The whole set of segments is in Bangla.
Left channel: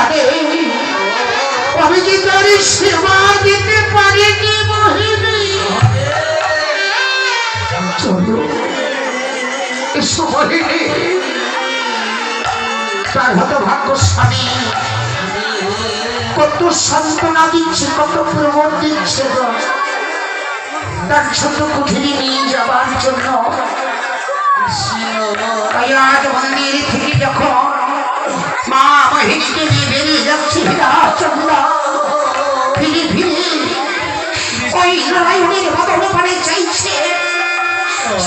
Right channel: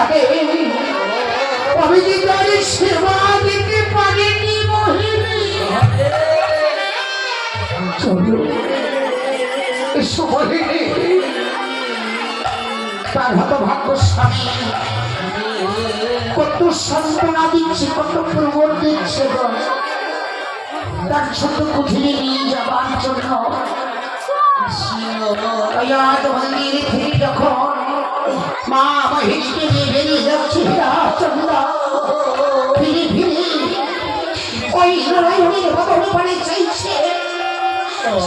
পারে, আমি কি তার সেবা দিতে পারিনি মোহিনী? চলো এসো মোহিনী, তার হতভাগ্যশালী কত সান্ত্বনা দিচ্ছে, কত প্রবোধ দিচ্ছে তার ছোট কুঠিরে নিয়ে যাবার জন্য। আজ মন্দির থেকে যখন মা মহিনীকে নিয়ে বেরিয়ে যাচ্ছে চন্দ্রা, ফিরে ফিরে ওই নারায়ণের ভবন পানে চাইছে,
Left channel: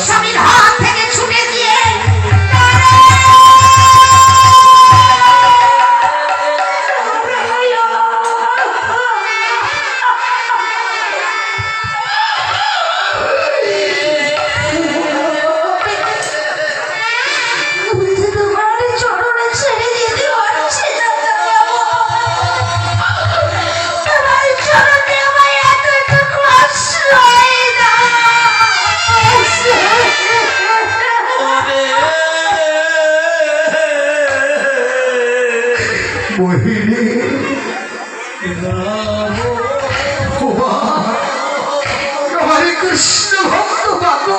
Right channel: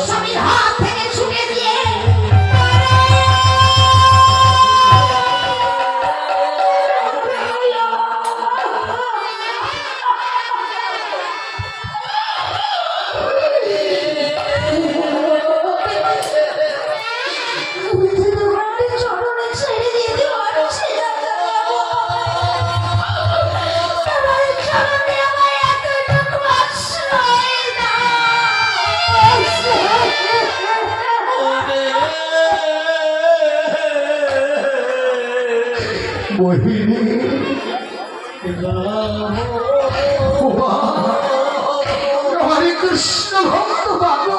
স্বামীর হাত থেকে ছুটে দিয়ে হরে কৃষ্ণ ভক্ত বাবু,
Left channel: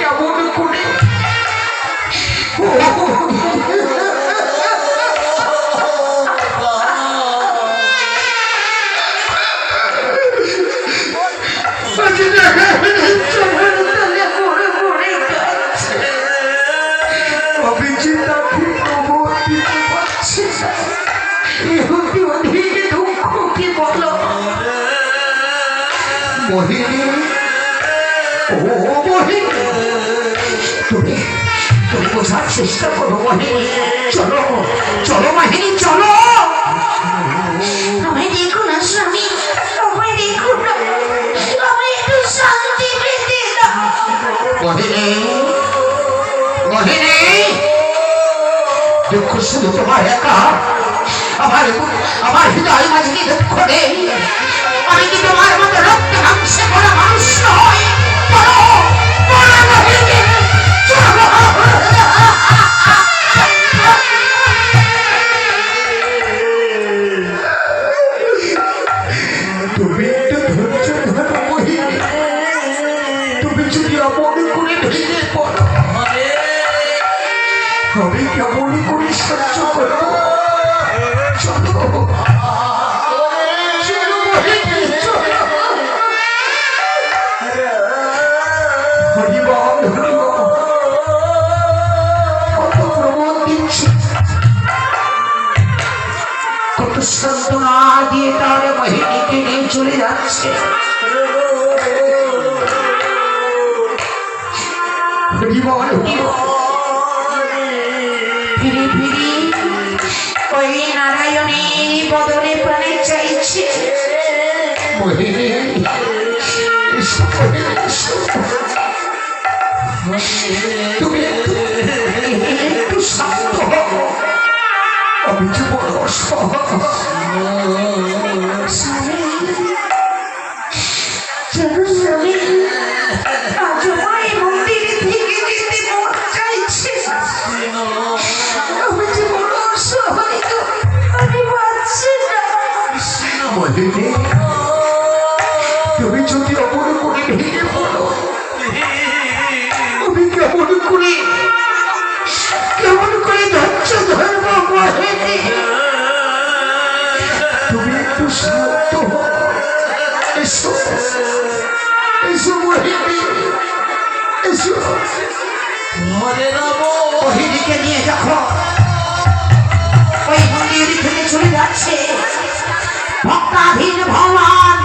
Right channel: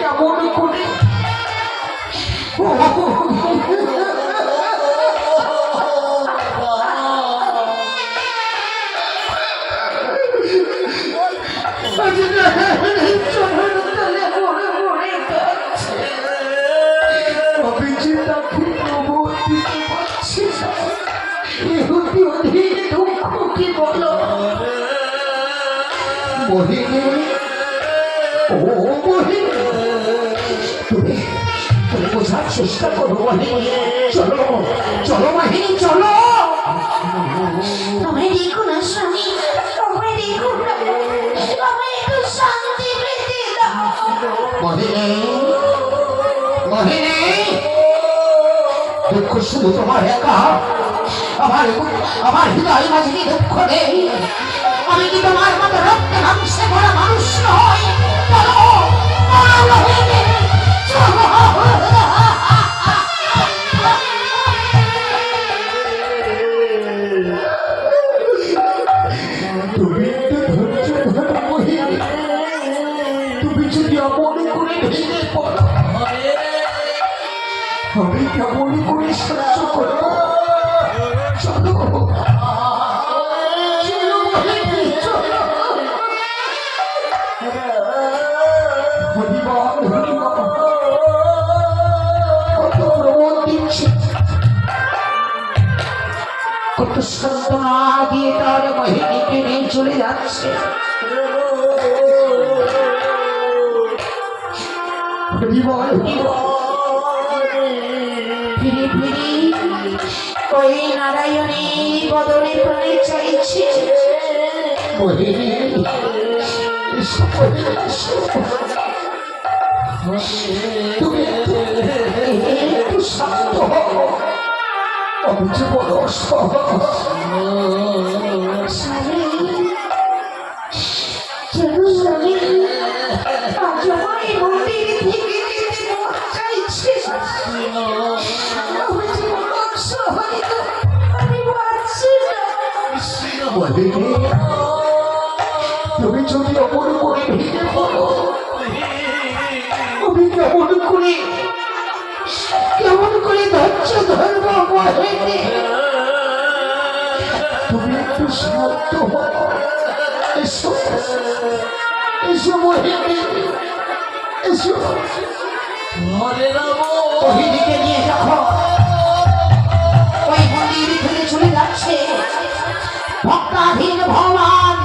কেমন করে মোহিনী, ও মোহিনী, তুমি বোঝার চেষ্টা করো মোহিনী। চলো চলো মোহিনী, চলো। আমায় দেখো না স্বামী, আমায় দেখো না, আমায় একটু শান্তি পেতে দাও। মোহিনী, মোহিনী, দুঃখ শুধু তোমার একা, আমার হৃদয় মাঝে দুঃখ নেই। আমি কি তোমার মতো রক্ত মাংসে করা মানুষ নয়? বলো, বলো মোহিনী, তুমি একটু ধৈর্য ধরো মোহিনী। তুমি যদি এমন করে ভেঙে পড়ো, আমি কেমন করে সহ্য করবো? চলো কত সান্ত্বনা দিয়ে তার মোহিনীকে নিয়ে চলে যাচ্ছে। ফিরে ফিরে ওই নারায়ণের বদনে প্রাণে চাইছে। মোহিনী, তুমি একটু শান্ত হও, আমি যে বড় তুমি যদি অমন করে ভেঙে পড়ো, আমি কেমন করে ধৈর্য ধরবো মোহিনী? তুমি একটু শান্ত হও, এসো এসো মোহিনী, এসো। মোহিনীকে নিয়ে যখন ওই মন্দির থেকে চলে যাচ্ছে ভক্তাধীন ভগবান